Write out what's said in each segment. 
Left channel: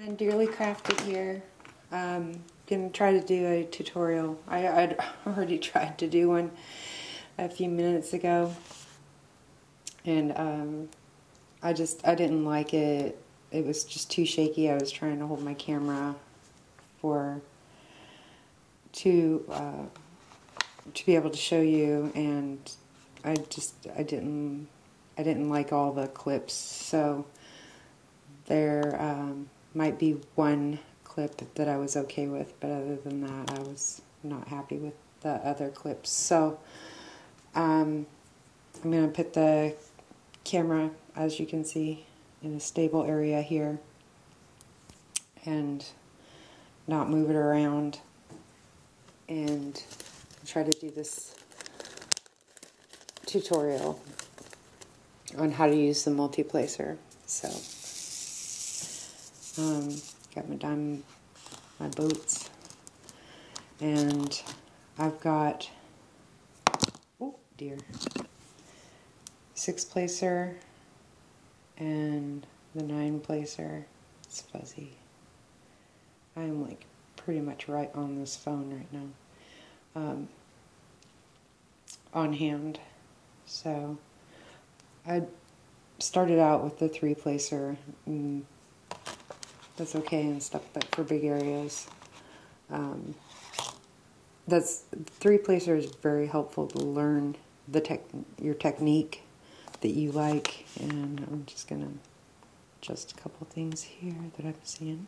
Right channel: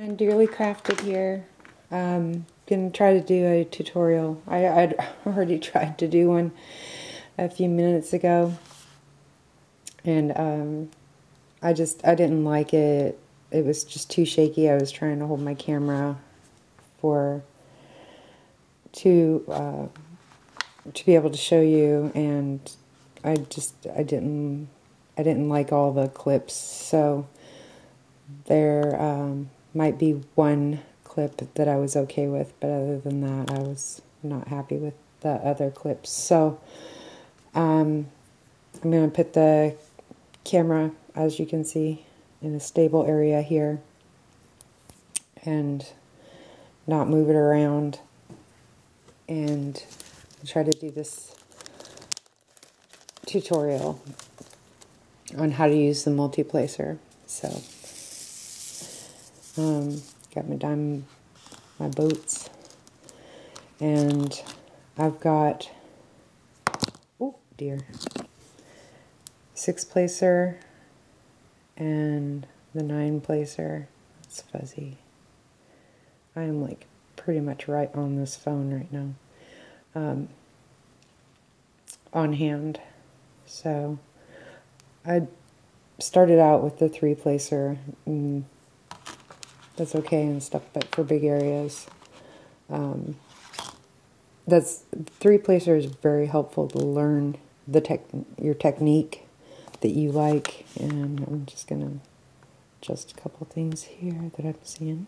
I'm Dearly Crafted here. Gonna try to do a tutorial. I'd already tried to do one a few minutes ago, and I didn't like it. It was just too shaky. I was trying to hold my camera to be able to show you, and I didn't like all the clips. So there might be one clip that I was okay with, but other than that, I was not happy with the other clips. So I'm going to put the camera, as you can see, in a stable area here and not move it around, and try to do this tutorial on how to use the multi-placer. So got my boats, and I've got, oh dear, 6-placer and the 9-placer. It's fuzzy. I am like pretty much right on this phone right now, on hand. So I started out with the 3-placer. That's okay and stuff, but for big areas, that's 3-placer is very helpful to learn your technique that you like. And I'm just gonna adjust a couple things here that I'm seeing.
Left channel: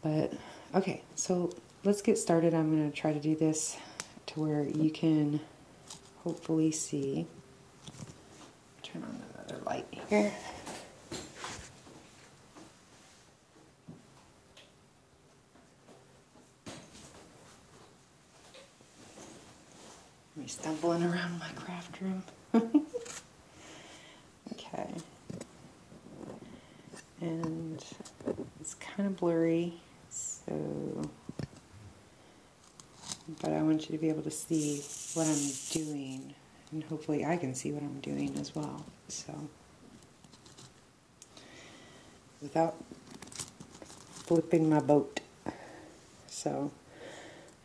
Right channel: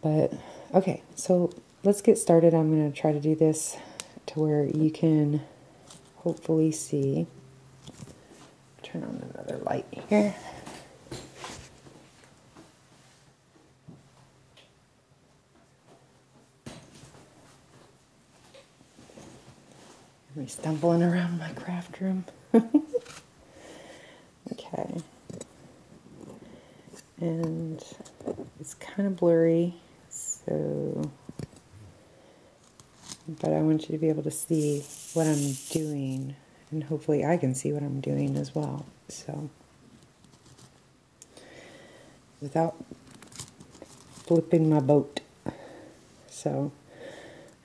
But okay, so let's get started. I'm gonna try to do this to where you can hopefully see. Turn on another light here. Me stumbling around my craft room. Okay. And it's kind of blurry, so, but I want you to be able to see what I'm doing, and hopefully I can see what I'm doing as well. So, without flipping my boat. So,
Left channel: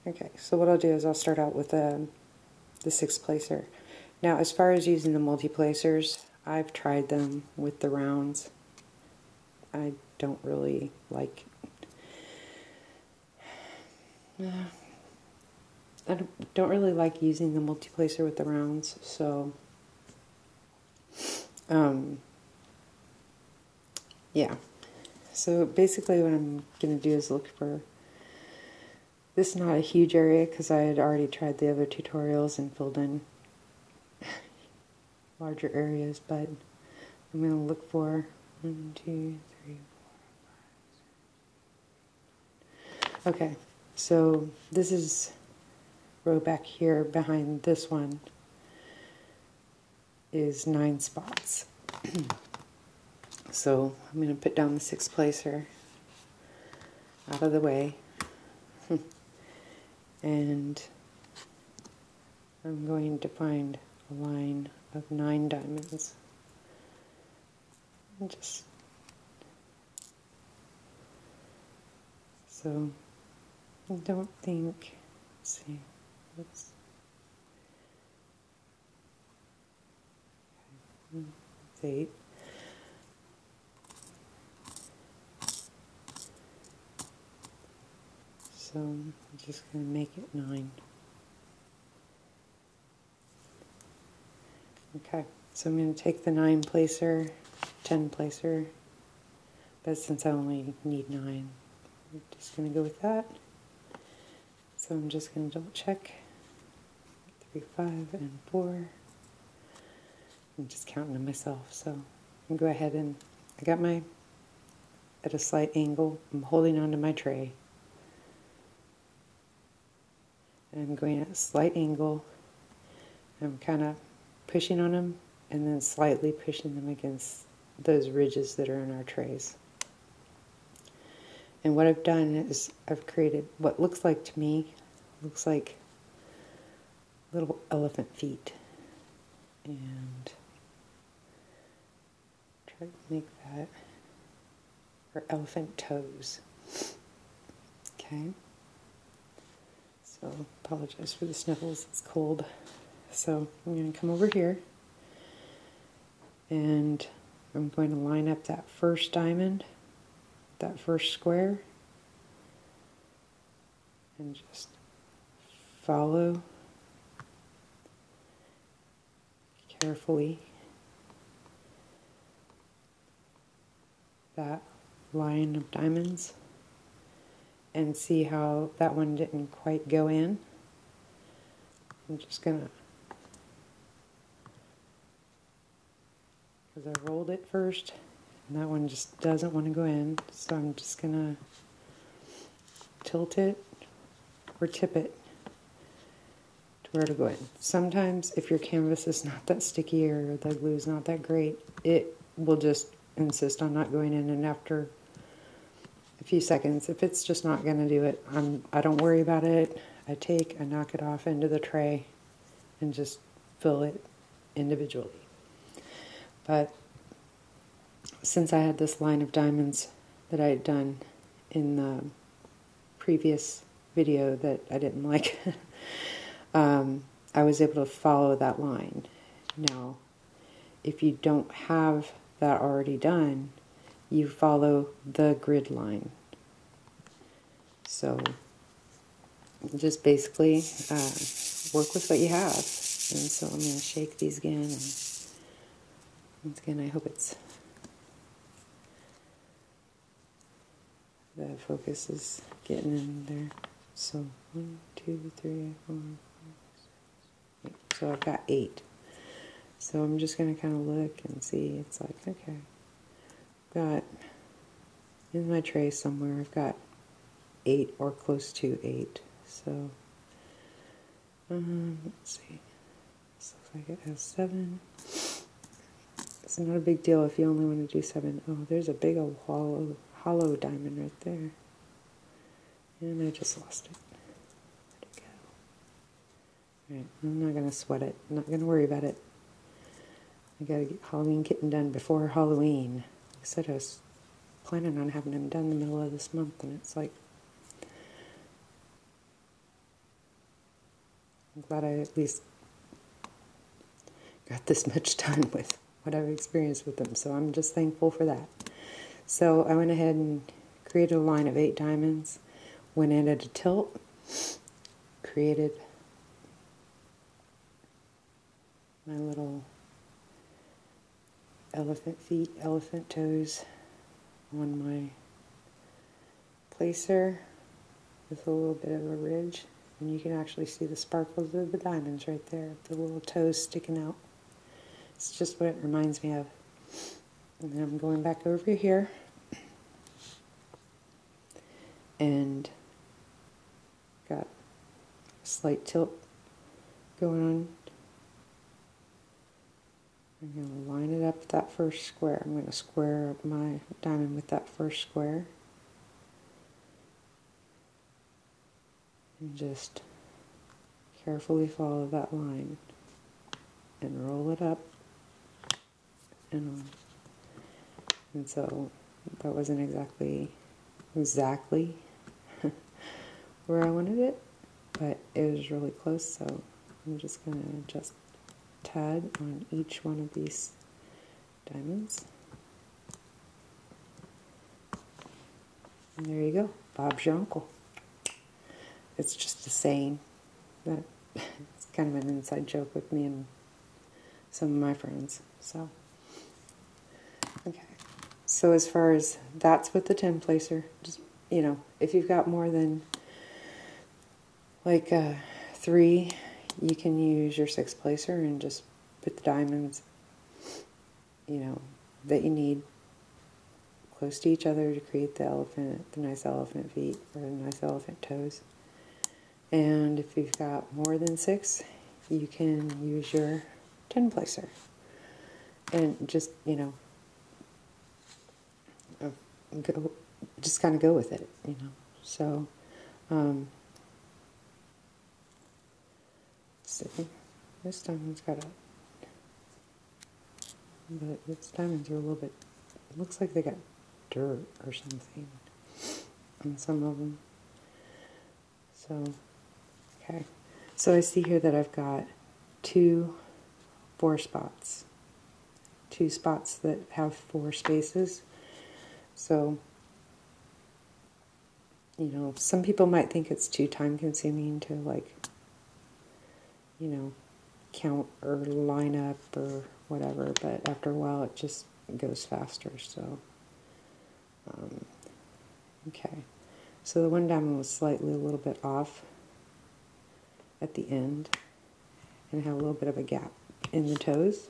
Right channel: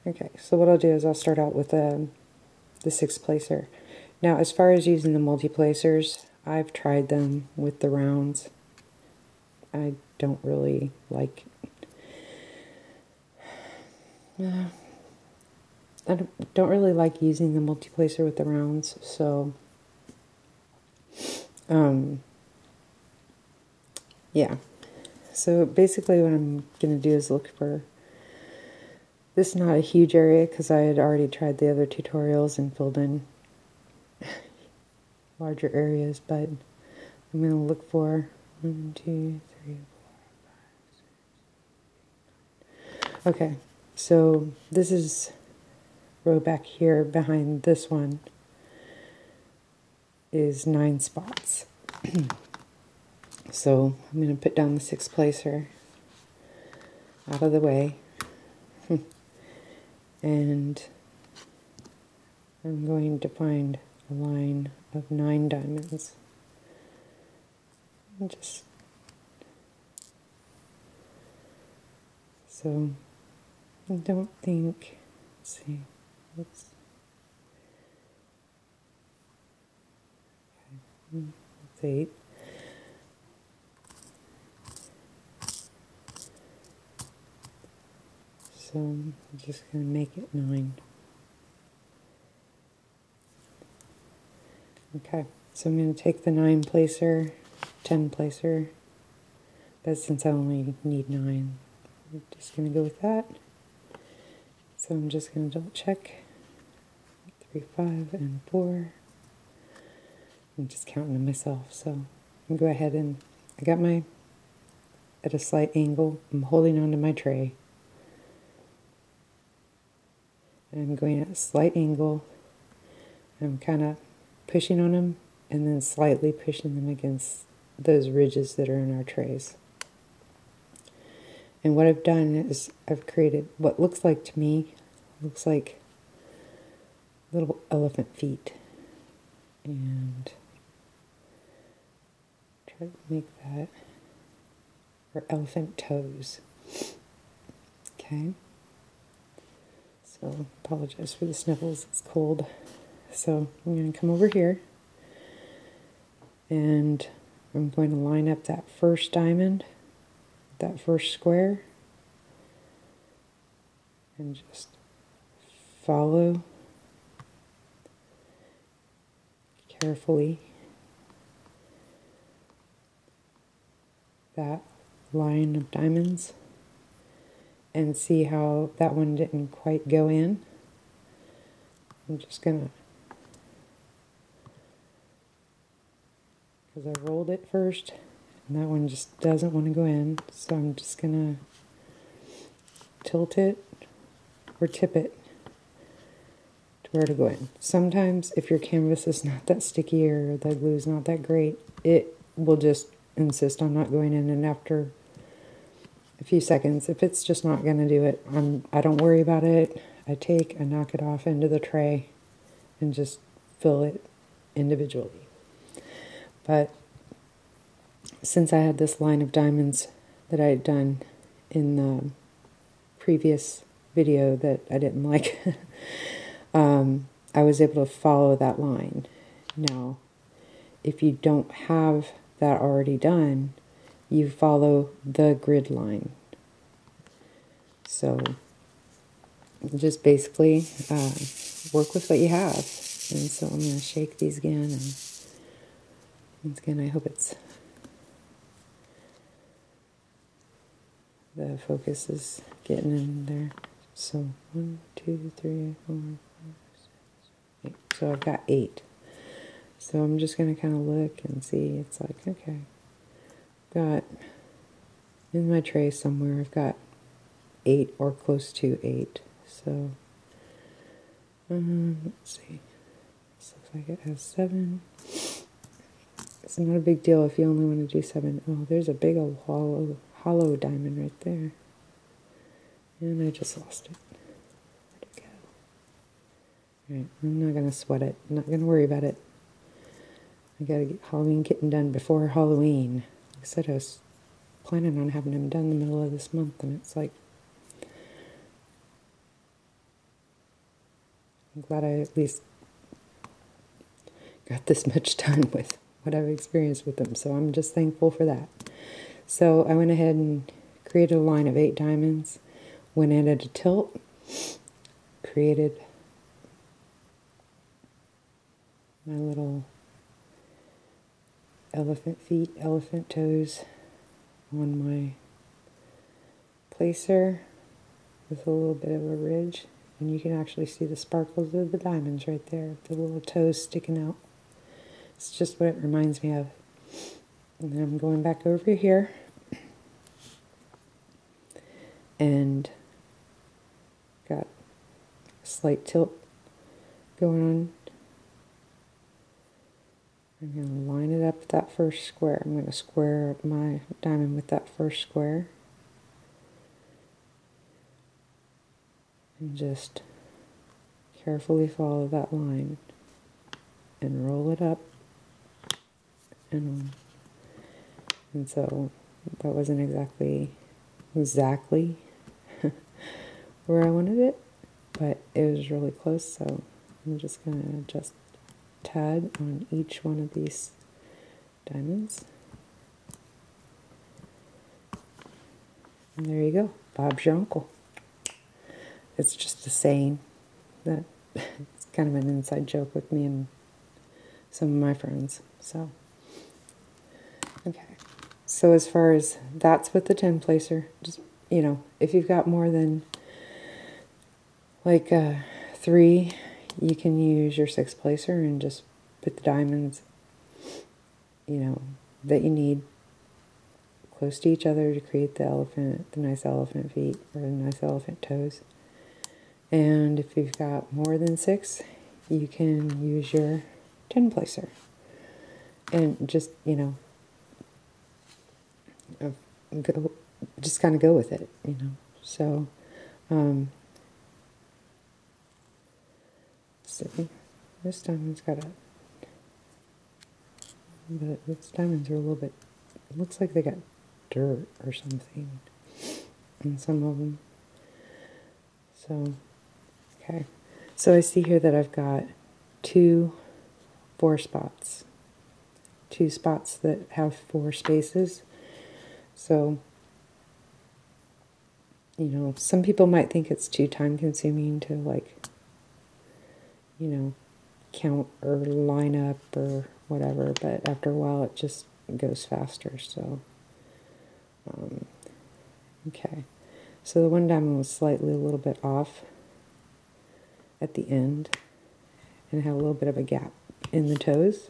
okay, so what I'll do is I'll start out with the 6-placer. Now, as far as using the multi-placers, I've tried them with the rounds. I don't really like, I don't really like using the multi-placer with the rounds. So, yeah. So basically, what I'm going to do is look for. This is not a huge area because I had already tried the other tutorials and filled in larger areas, but I'm going to look for 1, 2, 3, 4, 5, 6. Okay, so this is row back here behind this one is 9 spots. So I'm going to put down the 6-placer out of the way. And I'm going to find a line of 9 diamonds. And just so I don't think. Let's see. Let's 8. So I'm just going to make it 9. Okay, so I'm going to take the 9-placer, 10-placer, but since I only need 9, I'm just going to go with that. So I'm just going to double check 3, 5, and 4. I'm just counting to myself, so I'm going to go ahead and I got my at a slight angle. I'm holding onto my tray. I'm going at a slight angle. I'm kind of pushing on them and then slightly pushing them against those ridges that are in our trays. And what I've done is I've created what looks like to me, looks like little elephant feet. And try to make that or elephant toes. Okay. So, apologize for the sniffles, it's cold. So, I'm going to come over here, and I'm going to line up that first diamond, that first square, and just follow carefully that line of diamonds, and see how that one didn't quite go in. I'm just gonna, because I rolled it first, and that one just doesn't want to go in, so I'm just gonna tilt it or tip it to where to go in. Sometimes if your canvas is not that sticky or the glue is not that great, it will just insist on not going in, and after a few seconds, if it's just not going to do it, I don't worry about it. I knock it off into the tray and just fill it individually. But since I had this line of diamonds that I had done in the previous video that I didn't like, I was able to follow that line. Now, if you don't have that already done, you follow the grid line. So just basically work with what you have. And so I'm going to shake these again, and once again I hope the focus is getting in there. So 1, 2, 3, 4, 5, 6, 8. So I've got 8. So I'm just going to kind of look and see. It's like, okay, got in my tray somewhere, I've got 8 or close to 8. So let's see. This looks like it has 7. It's not a big deal if you only want to do 7. Oh, there's a big old hollow diamond right there. And I just lost it. Where'd it go? Alright, I'm not going to sweat it. I'm not going to worry about it. I got to get Halloween kitten done before Halloween. I said I was planning on having them done in the middle of this month, and it's like, I'm glad I at least got this much done with what I've experienced with them, so I'm just thankful for that. So I went ahead and created a line of 8 diamonds, went in at a tilt, created my little elephant feet, elephant toes on my placer with a little bit of a ridge, and you can actually see the sparkles of the diamonds right there, the little toes sticking out. It's just what it reminds me of. And then I'm going back over here and got a slight tilt going on. I'm going to line it up with that first square. I'm going to square up my diamond with that first square. And just carefully follow that line. And roll it up. And so that wasn't exactly where I wanted it, but it was really close, so I'm just going to adjust tad on each one of these diamonds. And there you go. Bob's your uncle. It's just a saying that it's kind of an inside joke with me and some of my friends. So, okay. So as far as that's with the 10 placer, just, you know, if you've got more than like 3, you can use your 6 placer and just put the diamonds, you know, that you need close to each other to create the nice elephant feet or the nice elephant toes. And if you've got more than 6, you can use your 10 placer. And just, you know, just kind of go with it, you know. So, see, this diamond's got a, but its diamonds are a little bit, looks like they got dirt or something on some of them. So, okay. So I see here that I've got 2 4 spots. 2 spots that have 4 spaces. So, you know, some people might think it's too time consuming to, like, you know, count or line up or whatever, but after a while it just goes faster. So, okay. So the one diamond was slightly a little bit off at the end and had a little bit of a gap in the toes.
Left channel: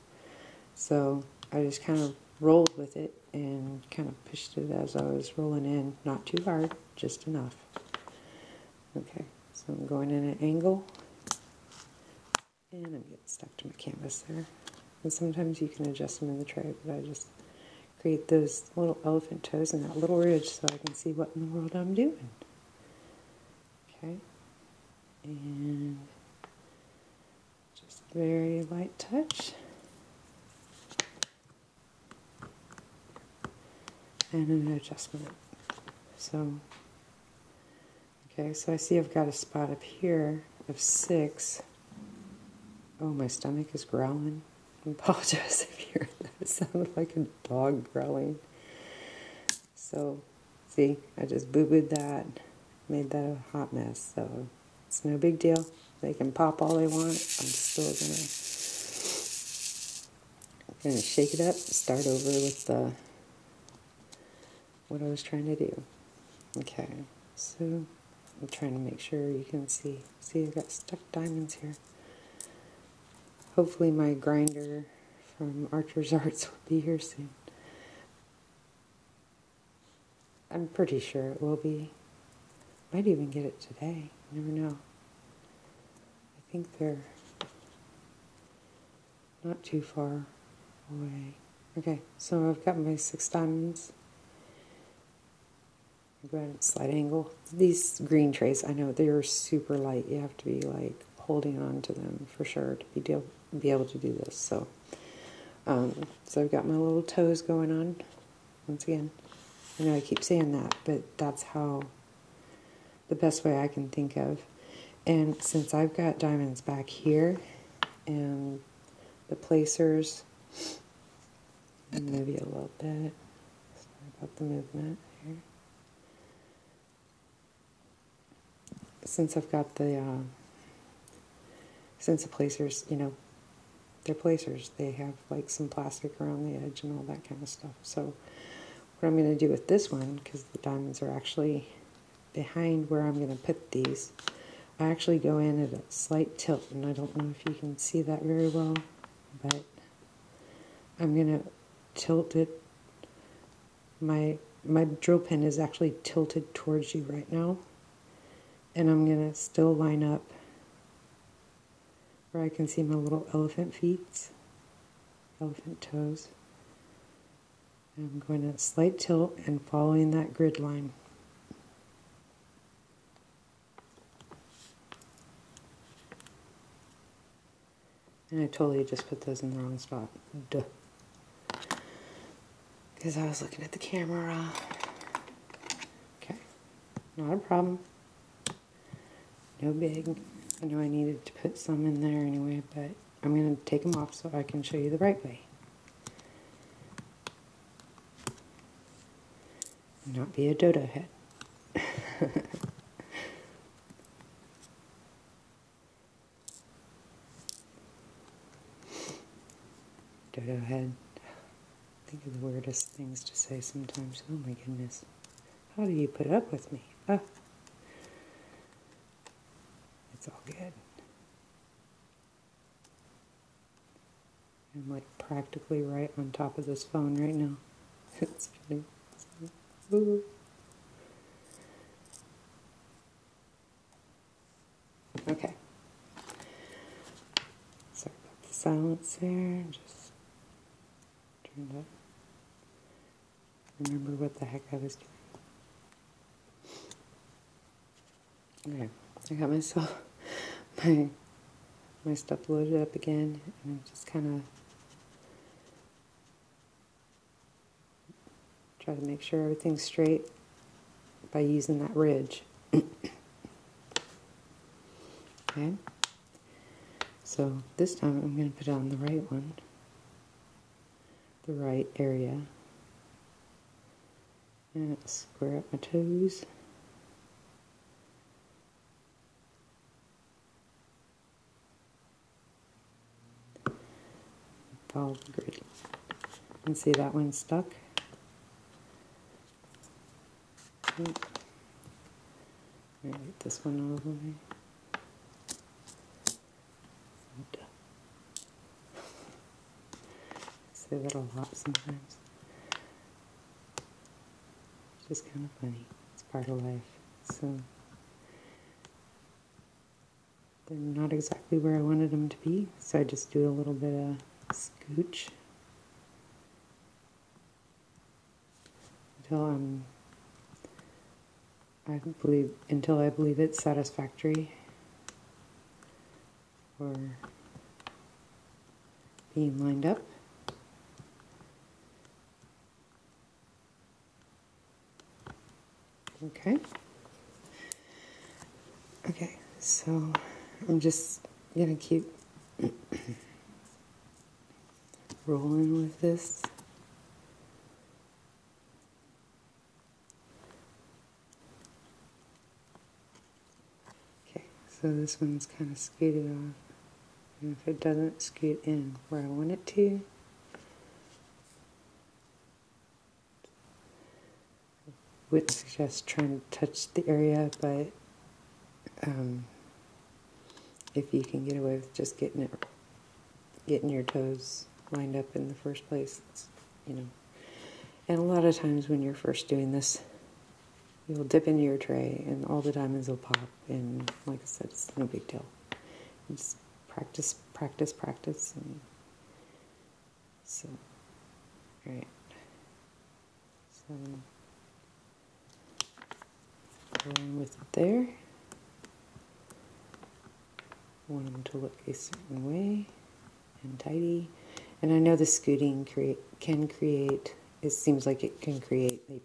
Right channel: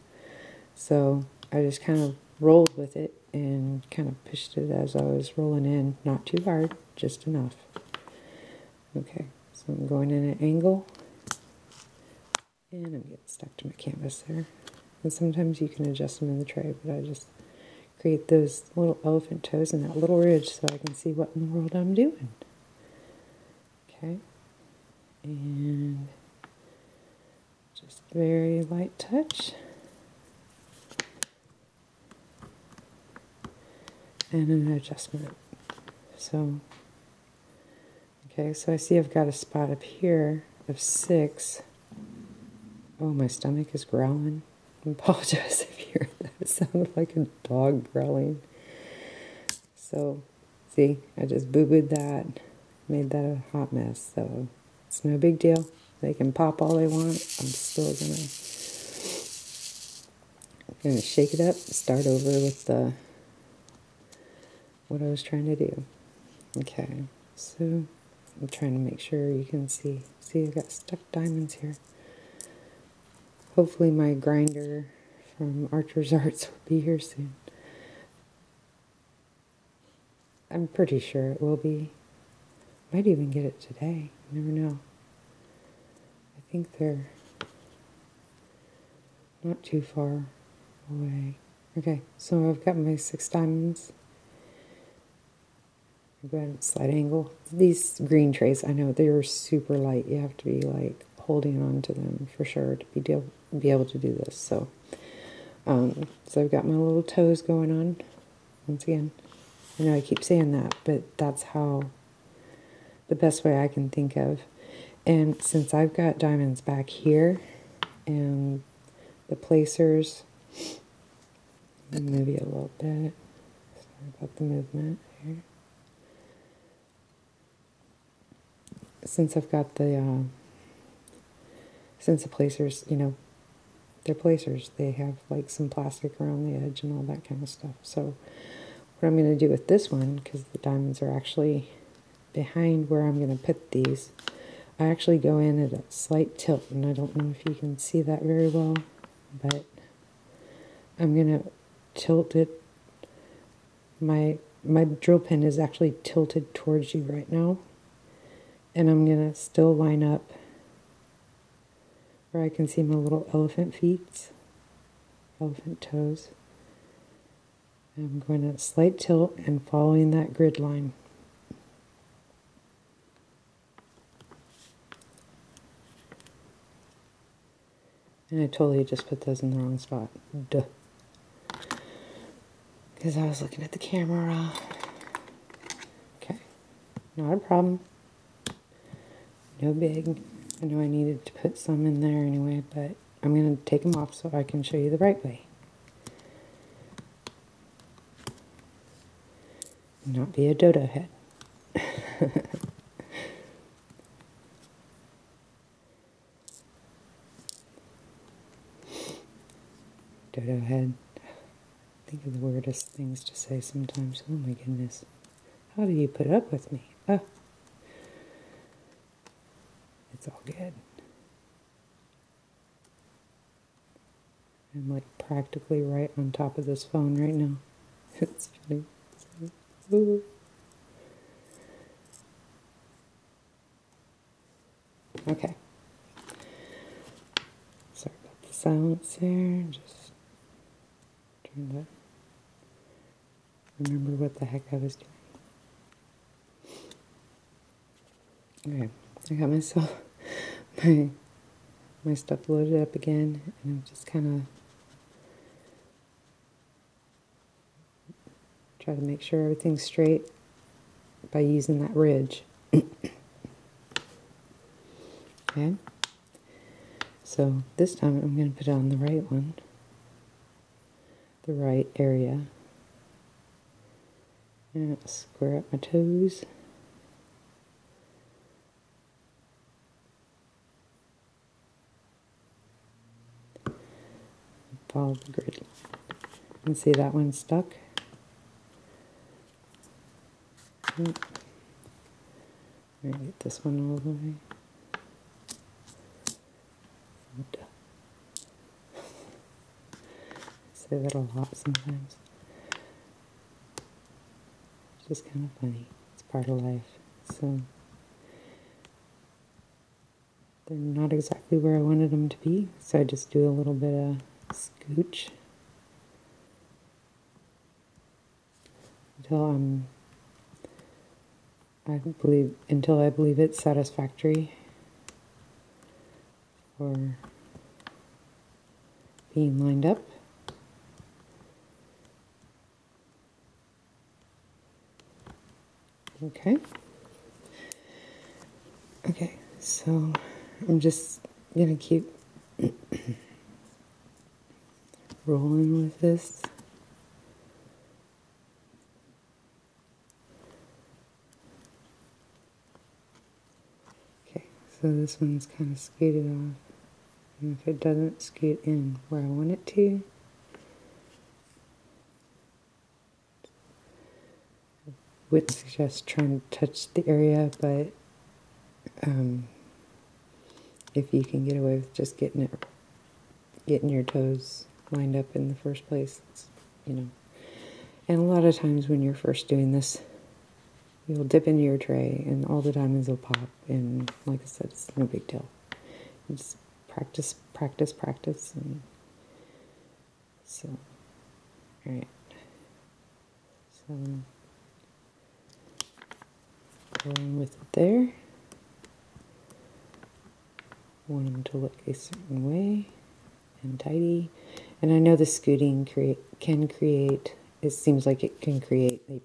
So I just kind of rolled with it and kind of pushed it as I was rolling in. Not too hard, just enough. Okay, so I'm going in an angle. And I'm getting stuck to my canvas there. And sometimes you can adjust them in the tray, but I just create those little elephant toes and that little ridge so I can see what in the world I'm doing. Okay. And just very light touch. And an adjustment. So, okay, so I see I've got a spot up here of 6. Oh, my stomach is growling. I apologize if you hear that. It sounded like a dog growling. So, see, I just boo-booed that. Made that a hot mess. So, it's no big deal. They can pop all they want. I'm still gonna shake it up, start over with the what I was trying to do. Okay, so I'm trying to make sure you can see. See, I've got stuffed diamonds here. Hopefully my grinder from Archer's Arts will be here soon. I'm pretty sure it will be. Might even get it today. I never know. I think they're not too far away. Okay, so I've got my 6 diamonds. Go ahead and slight angle. These green trays, I know they're super light. You have to be like holding on to them for sure to be able to do this. So, so I've got my little toes going on. Once again, I know I keep saying that, but that's how the best way I can think of. And since I've got diamonds back here and the placers, maybe a little bit. Sorry about the movement here. Since I've got the, since the placers, you know, they're placers, they have like some plastic around the edge and all that kind of stuff. So what I'm going to do with this one, because the diamonds are actually behind where I'm going to put these, I actually go in at a slight tilt, and I don't know if you can see that very well, but I'm going to tilt it. My drill pin is actually tilted towards you right now. And I'm going to still line up where I can see my little elephant feet, elephant toes. And I'm going to slight tilt and following that grid line. And I totally just put those in the wrong spot. Duh. Because I was looking at the camera. Okay, not a problem. No big. I know I needed to put some in there anyway, but I'm going to take them off so I can show you the right way. Not be a dodo head. Dodo head. Think of the weirdest things to say sometimes. Oh my goodness. How do you put up with me? Oh. It's all good. I'm like practically right on top of this phone right now. It's funny. Ooh. Okay. Sorry about the silence there. Just trying to remember what the heck I was doing. Okay. I got myself my stuff loaded up again, and I'm just kind of Try to make sure everything's straight by using that ridge. Okay. So this time I'm going to put it on the right one, the right area. And square up my toes. Follow the grid. And see that one stuck? Get this one over here. Say that a lot sometimes. It's just kind of funny. It's part of life. So they're not exactly where I wanted them to be, so I just do a little bit of scooch until I believe it's satisfactory for being lined up. Okay. Okay, so I'm just going to keep rolling with this. Okay, so this one's kind of scooted off. And if it doesn't scoot in where I want it to, would suggest trying to touch the area, but if you can get away with just getting your toes lined up in the first place, you know. And a lot of times when you're first doing this, you'll dip into your tray and all the diamonds will pop, and like I said, it's no big deal. You just practice, practice, practice, and so, alright. So, going with it there. Want them to look a certain way and tidy. And I know the scooting can create, it seems like it can create a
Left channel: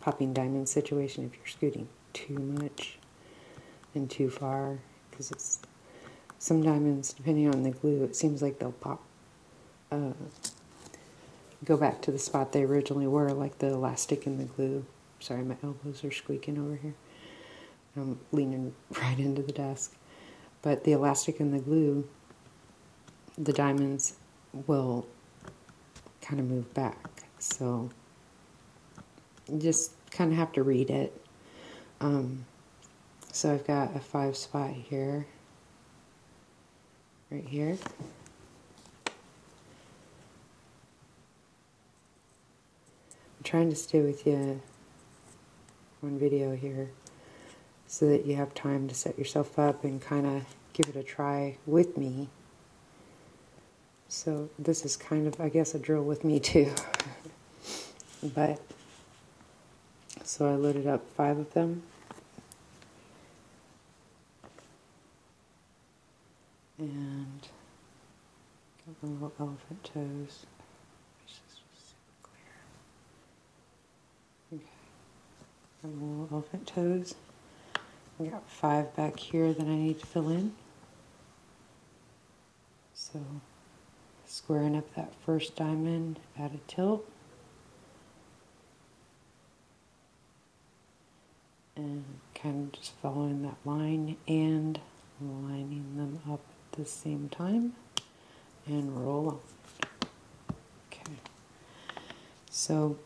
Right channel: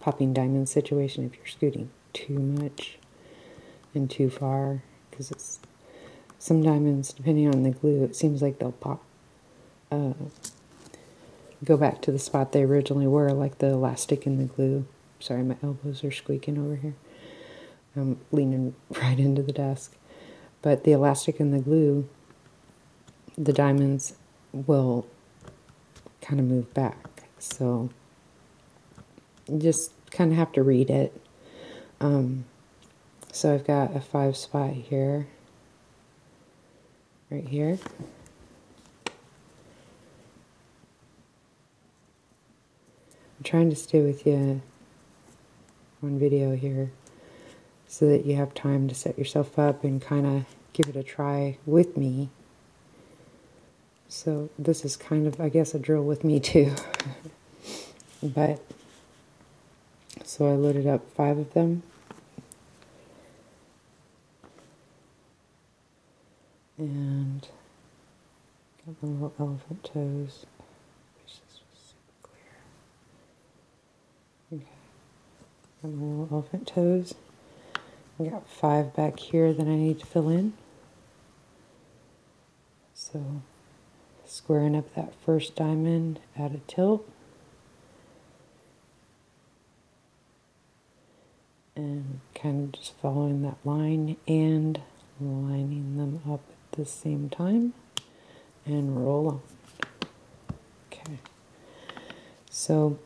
popping diamond situation if you're scooting too much and too far, because it's some diamonds, depending on the glue, it seems like they'll pop, go back to the spot they originally were, like the elastic in the glue. Sorry, my elbows are squeaking over here. I'm leaning right into the desk. But the elastic in the glue, the diamonds will kind of move back. So you just kind of have to read it. So I've got a 5 spot here, right here. I'm trying to stay with you on video here, so that you have time to set yourself up and kind of give it a try with me. So this is kind of, I guess, a drill with me too. But, so I loaded up 5 of them. And got my little elephant toes. Okay. Got my little elephant toes. I got 5 back here that I need to fill in. So, squaring up that first diamond at a tilt. And kind of just following that line and lining them up at the same time. And roll on. Okay. So,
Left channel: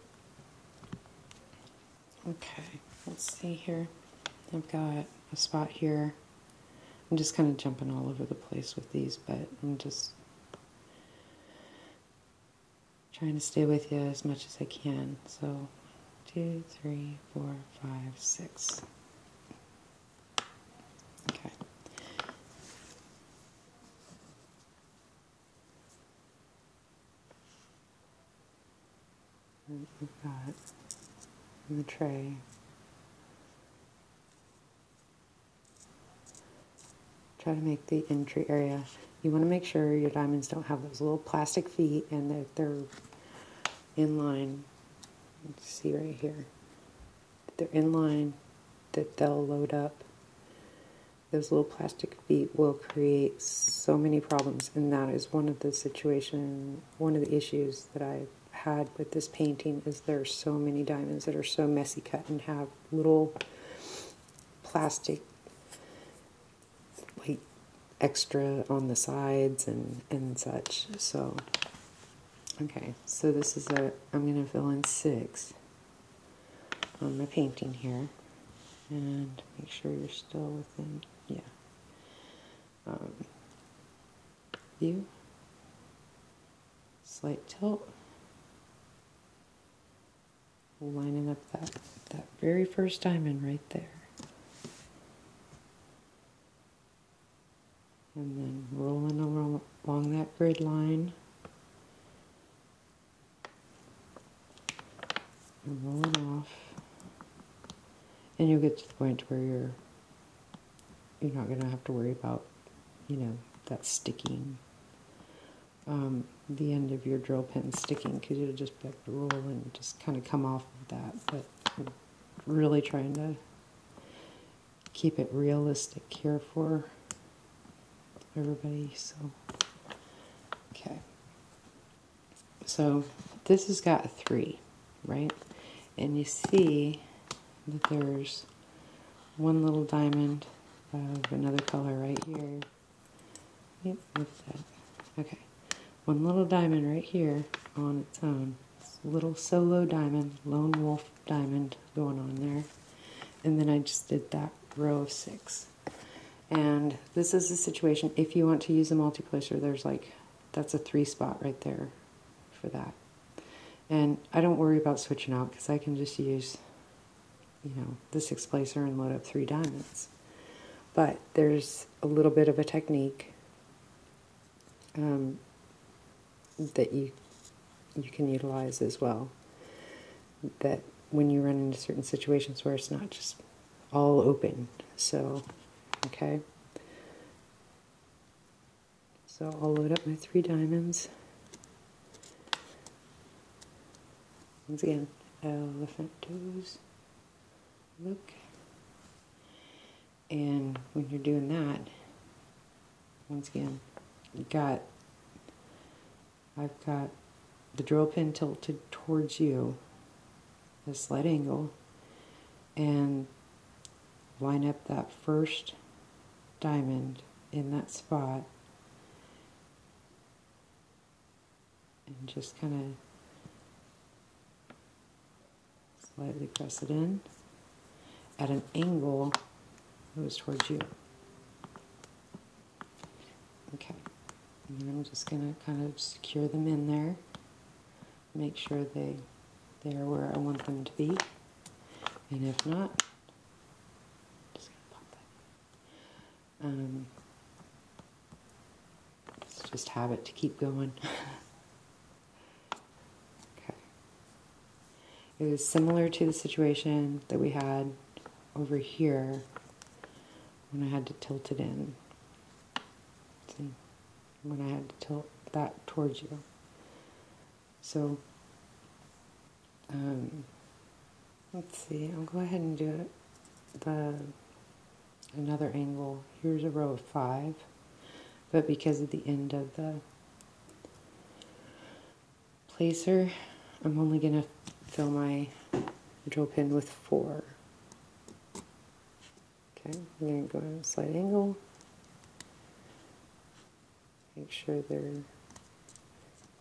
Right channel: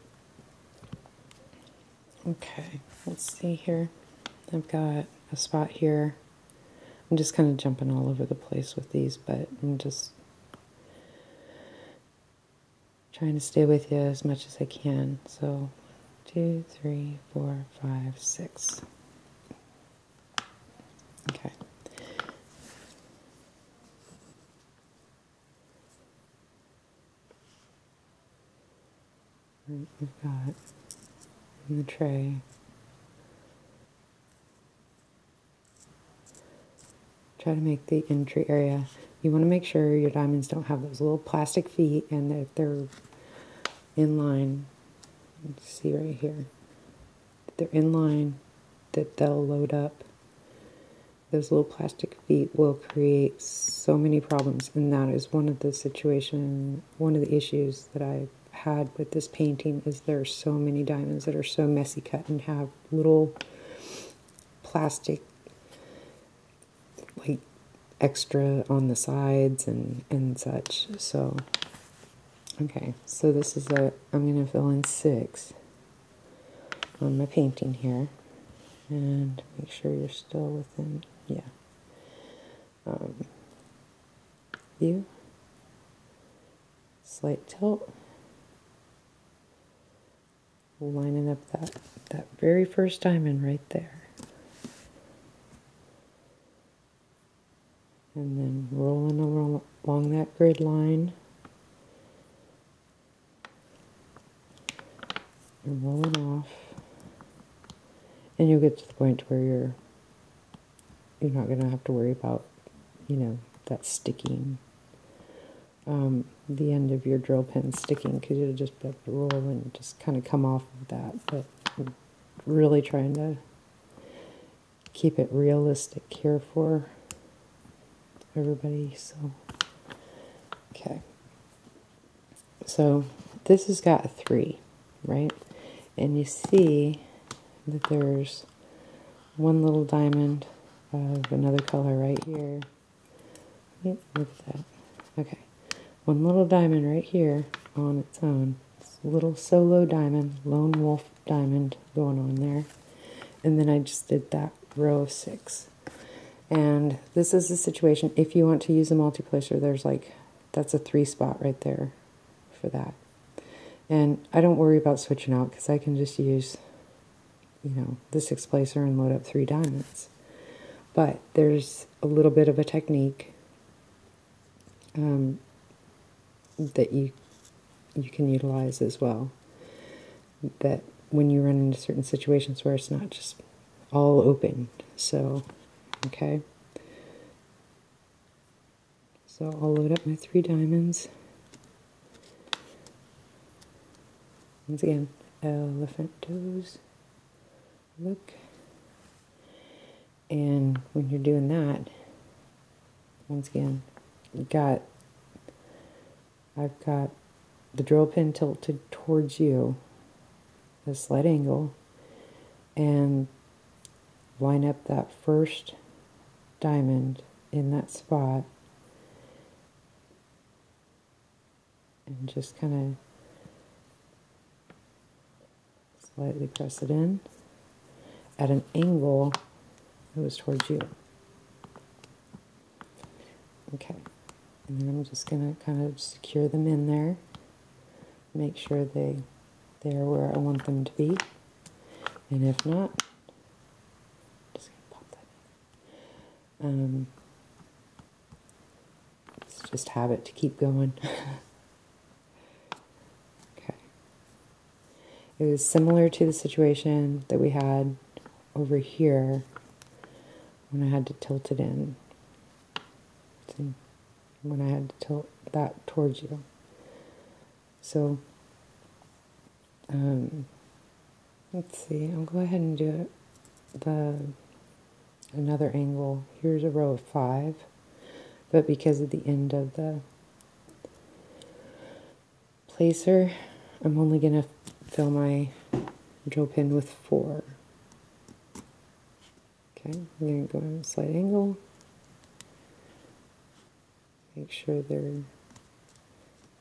okay, let's see here. I've got a spot here. I'm just kind of jumping all over the place with these, but I'm just trying to stay with you as much as I can. So 2, 3, 4, 5, 6. Okay. And we've got the tray. Try to make the entry area. You want to make sure your diamonds don't have those little plastic feet and that they're in line Let's see right here. They're in line, that they'll load up. Those little plastic feet will create so many problems, and that is one of the issues that I've had with this painting, is there are so many diamonds that are so messy cut and have little plastic like extra on the sides and such. So okay, so this is I'm going to fill in 6 on my painting here, and make sure you're still within, yeah, view, slight tilt, lining up that very first diamond right there, and then rolling along that grid line, and rolling off, and you'll get to the point where you're not going to have to worry about, you know, that sticking, the end of your drill pin sticking, because you'll just be able to roll and just kind of come off of that. But I'm really trying to keep it realistic here for everybody. So okay, so this has got a 3, right? And you see that there's one little diamond of another color right here. Yep, look at that. Okay, one little diamond right here on its own. It's a little solo diamond, lone wolf diamond going on there. And then I just did that row of 6. And this is a situation, if you want to use a multi-placer, there's like, that's a 3 spot right there for that. And I don't worry about switching out, because I can just use, you know, the 6 placer and load up 3 diamonds. But there's a little bit of a technique that you can utilize as well, that when you run into certain situations where it's not just all open. So okay, so I'll load up my 3 diamonds. Once again, elephant toes, look. And when you're doing that, once again, I've got the drill pin tilted towards you, a slight angle, and line up that first diamond in that spot, and just kind of slightly press it in at an angle that was towards you. Okay, and then I'm just going to kind of secure them in there, make sure they're where I want them to be, and if not, just going to pop that in. Let's just have it to keep going. Okay. It was similar to the situation that we had over here when I had to tilt it in. See? When I had to tilt that towards you. So, let's see, I'll go ahead and do another angle. Here's a row of 5, but because of the end of the placer, I'm only going to fill my drill pin with 4. Okay, I'm going to go in a slight angle. Make sure they're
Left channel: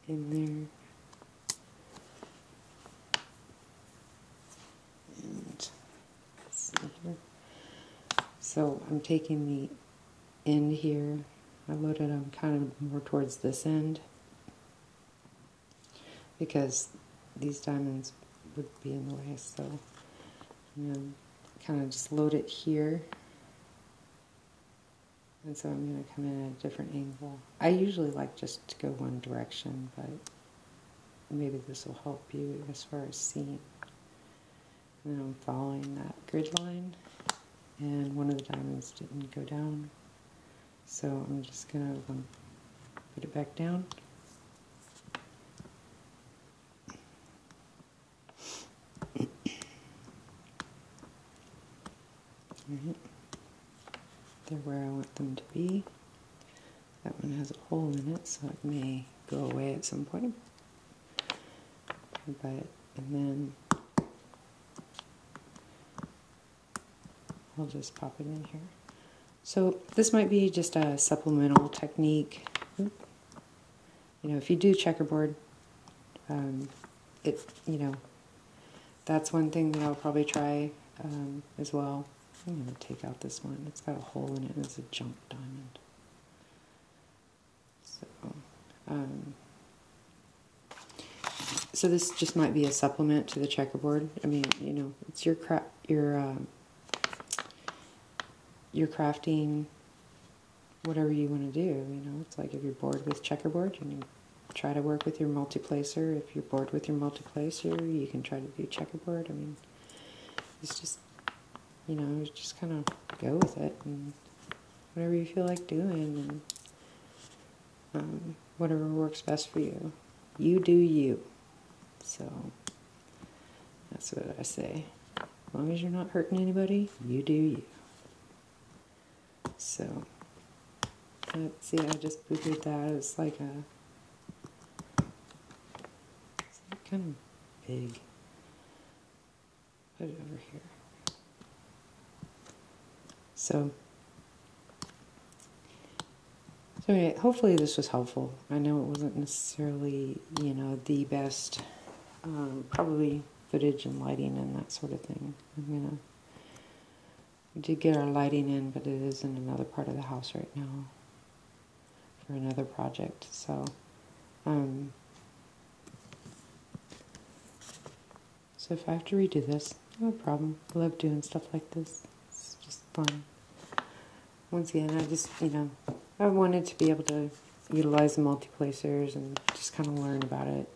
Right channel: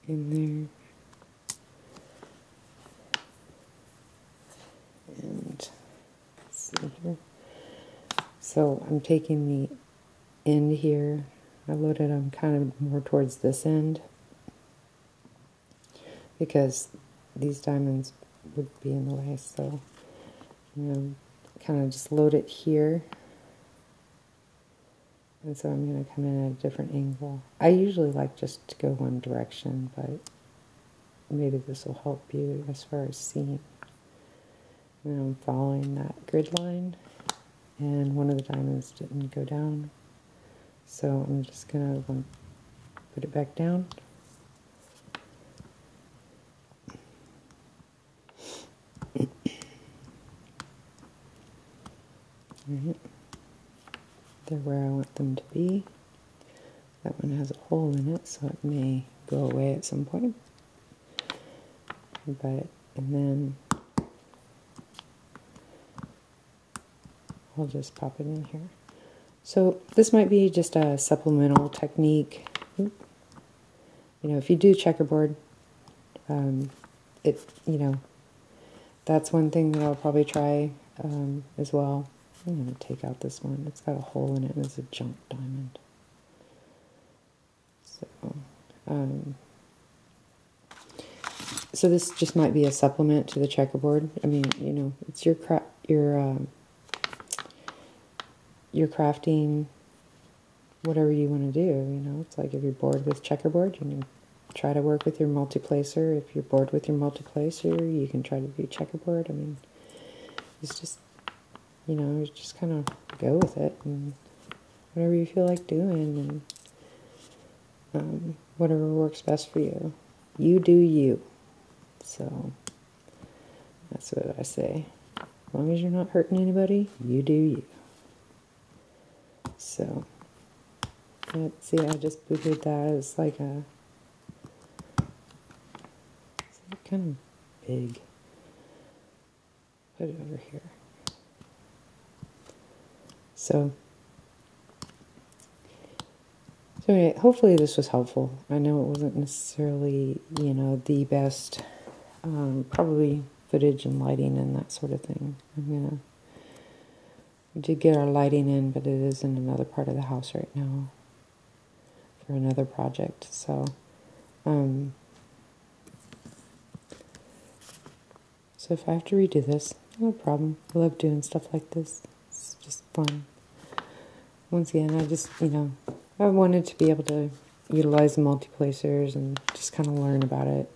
in there. And let's see here. So I'm taking the end here. I loaded them kind of more towards this end, because these diamonds would be in the way. So I'm going to kind of just load it here. And so I'm going to come in at a different angle. I usually like just to go one direction, but maybe this will help you as far as seeing. And I'm following that grid line, and one of the diamonds didn't go down. So I'm just going to put it back down. Right. They're where I want them to be. That one has a hole in it, so it may go away at some point. And then I'll just pop it in here. So this might be just a supplemental technique. You know, if you do checkerboard, that's one thing that I'll probably try as well. I'm going to take out this one. It's got a hole in it and it's a junk diamond. So this just might be a supplement to the checkerboard. I mean, you know, it's your crafting, whatever you want to do. You know, it's like if you're bored with checkerboard, you can try to work with your multi-placer. If you're bored with your multi-placer, you can try to do checkerboard. I mean, it's just, you know, just kind of go with it and whatever you feel like doing, and whatever works best for you. You do you. So that's what I say. As long as you're not hurting anybody, you do you. So, see, I just booted that. It was like a, it's like kind of big. Put it over here. So anyway, hopefully this was helpful. I know it wasn't necessarily, you know, the best, probably footage and lighting and that sort of thing. We did get our lighting in, but it is in another part of the house right now for another project. So, so if I have to redo this, no problem. I love doing stuff like this. It's just fun. Once again, I just, you know, I wanted to be able to utilize the multi-placers and just kind of learn about it.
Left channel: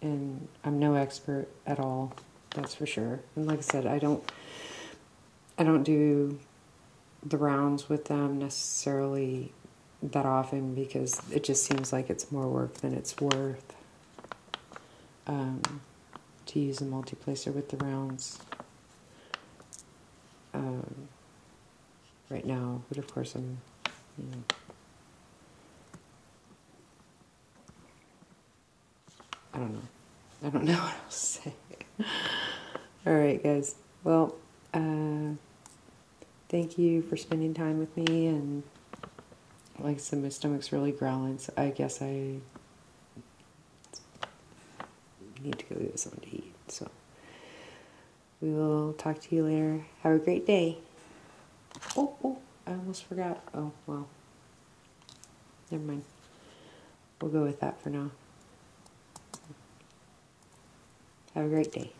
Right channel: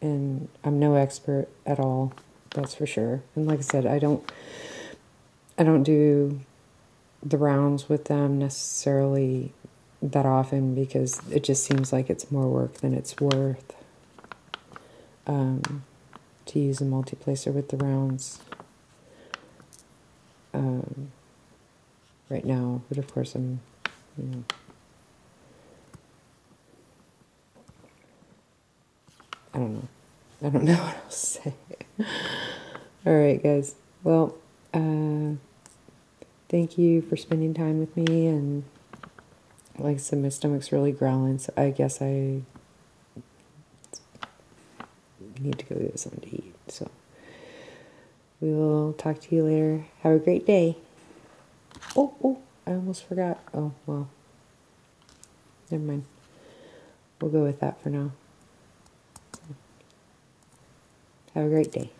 And I'm no expert at all, that's for sure. And like I said, I don't do the rounds with them necessarily that often because it just seems like it's more work than it's worth to use a multi-placer with the rounds right now. But of course, I'm, you know, I don't know what else to say. Alright guys, well, thank you for spending time with me, and like I said, my stomach's really growling, so I guess I need to go get something to eat. So, we will talk to you later. Have a great day. Oh, I almost forgot. Oh, well. Never mind. We'll go with that for now. Have a great day.